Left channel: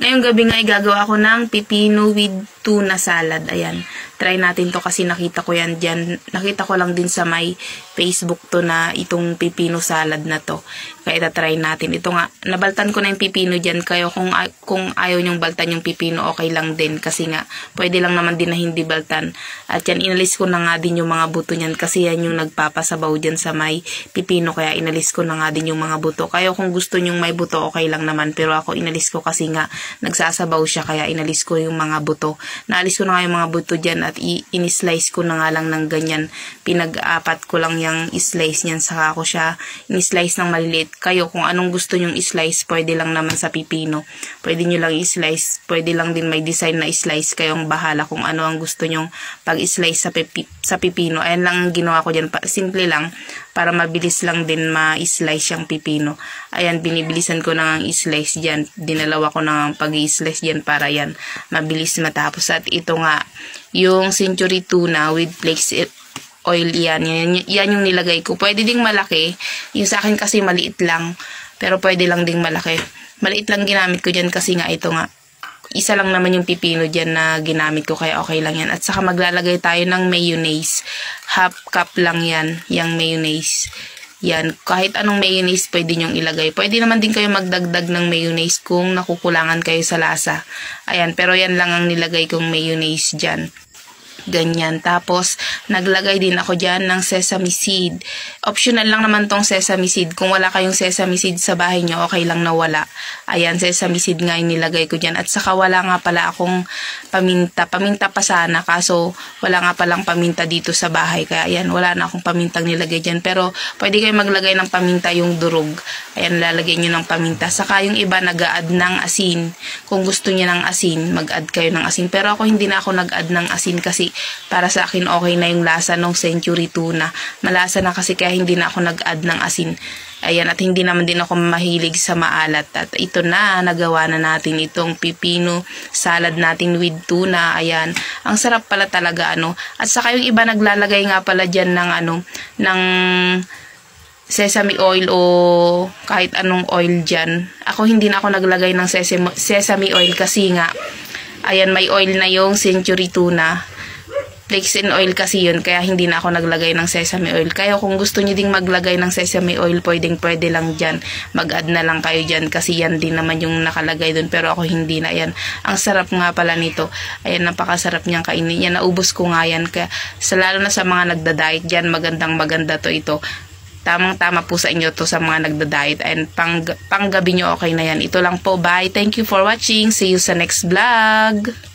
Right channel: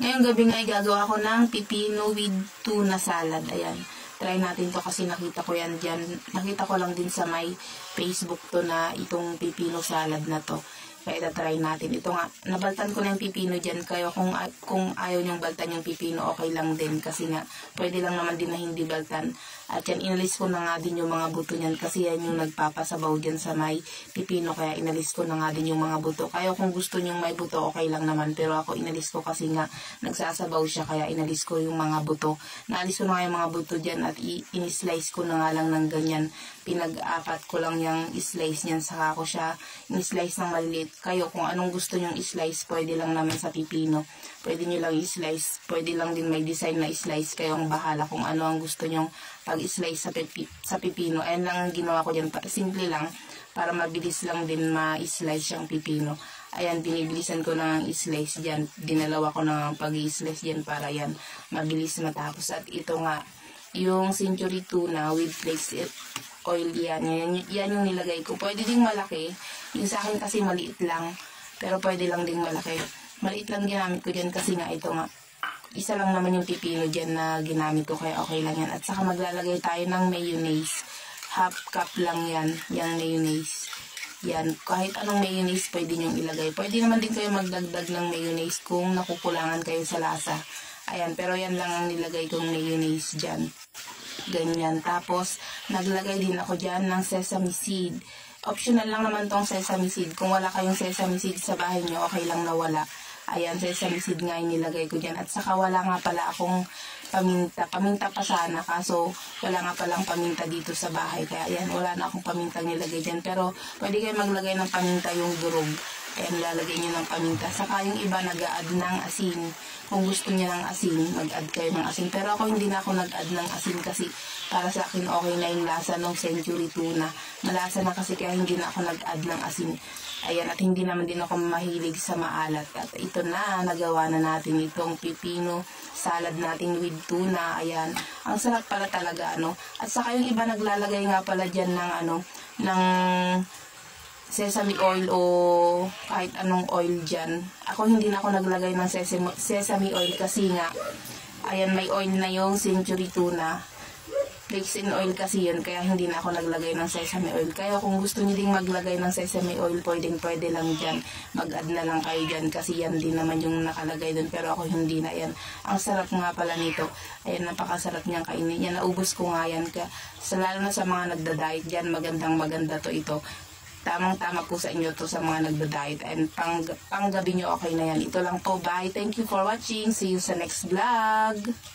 Ngayong gabi nga gagawa ako ng pipino with tuna salad. Ayan. Try natin to kasi nakita ko yan dyan. Nakita ko lang din sa may Facebook to na itong pipino salad na to. Kaya itatry natin. Ito nga, nabaltan ko na yung pipino dyan. Kaya kung ayaw nyong baltan yung pipino, okay lang din. Kasi nga, pwede lang naman din na hindi baltan. At yan, inalis ko na nga din yung mga buto nyan. Kasi yan yung nagpapasabaw dyan sa may pipino. Kaya inalis ko na nga din yung mga buto. Kaya kung gusto nyong may buto, okay lang naman. Pero ako inalis ko kasi nga, nagsasabaw siya. Kaya inalis ko yung mga buto. Naalis ko na nga yung mga buto dyan at in-slice ko na nga lang ng ganyan. Pinag-apat ko lang yung slice niyan. Saka ko siya in-slice ng maliliit. Kayo kung anong gusto nyong i-slice, pwede lang naman sa pipino. Pwede nyo lang i-slice. Pwede lang din may design na i-slice. Kayong bahala kung ano ang gusto nyong pag-slice sa pipino. Ayan lang ang ginawa ko dyan. Simple lang. Para mabilis lang din ma-slice yung pipino. Ayan, binibilisan ko na ang i-slice dyan. Dinalawa ko na ang pag-i-slice dyan para yan mabilis matapos. At ito nga, yung century tuna with flakes oil, yan yung nilagay ko. Pwede ding malaki. Yung sa akin kasi maliit lang. Pero pwede lang ding malaki. Maliit lang ginamit ko dyan kasi nga ito nga. Isa lang naman yung pipino dyan na ginamit ko kaya okay lang yan. At saka maglalagay tayo ng mayonnaise. Half cup lang yan, yung mayonnaise. Yan, kahit anong mayonnaise pwede nyong ilagay. Pwede naman din kayo magdagdag ng mayonnaise kung nakukulangan kayo sa lasa. Ayan, pero yan lang ang nilagay kong mayonnaise dyan. Ganyan. Tapos, naglagay din ako dyan ng sesame seed. Optional lang naman tong sesame seed. Kung wala kayong sesame seed sa bahay nyo, okay lang na wala. Ayan, sesame seed nga yung nilagay ko dyan. At saka wala nga pala akong paminta. Paminta pa sana, kaso wala nga palang paminta dito sa bahay. Kaya ayan, wala na akong pamintang nilagay dyan. Pero, pwede kayo maglagay ng paminta yung durog. Ayan, lalagay nyo ng paminta. Saka yung iba nag-a-add ng asin. Kung gusto niya ng asin, mag-add kayo ng asin. Pero ako hindi na ako nag-add ng asin kasi para sa akin okay na yung lasa ng century tuna. Malasa na kasi kaya hindi na ako nag-add ng asin. Ayan, at hindi naman din ako mahilig sa maalat. At ito na, nagawa na natin itong pipino salad natin with tuna. Ayan, ang sarap pala talaga ano. At saka yung iba naglalagay nga pala dyan ng ng sesame oil o kahit anong oil dyan. Ako hindi na ako naglagay ng sesame oil kasi nga, ayan, may oil na yung century tuna. Flakes and oil kasi yun, kaya hindi na ako naglagay ng sesame oil. Kaya kung gusto nyo ding maglagay ng sesame oil, pwede lang dyan. Mag-add na lang kayo dyan kasi yan din naman yung nakalagay dun. Pero ako hindi na yan. Ang sarap nga pala nito. Ayan, napakasarap niyang kainin. Yan, naubos ko nga yan. Kaya, lalo na sa mga nagda-diet dyan, maganda to ito. Tamang-tama po sa inyo to sa mga nagda-diet. And pang gabi nyo okay na yan. Ito lang po. Bye. Thank you for watching. See you sa next vlog.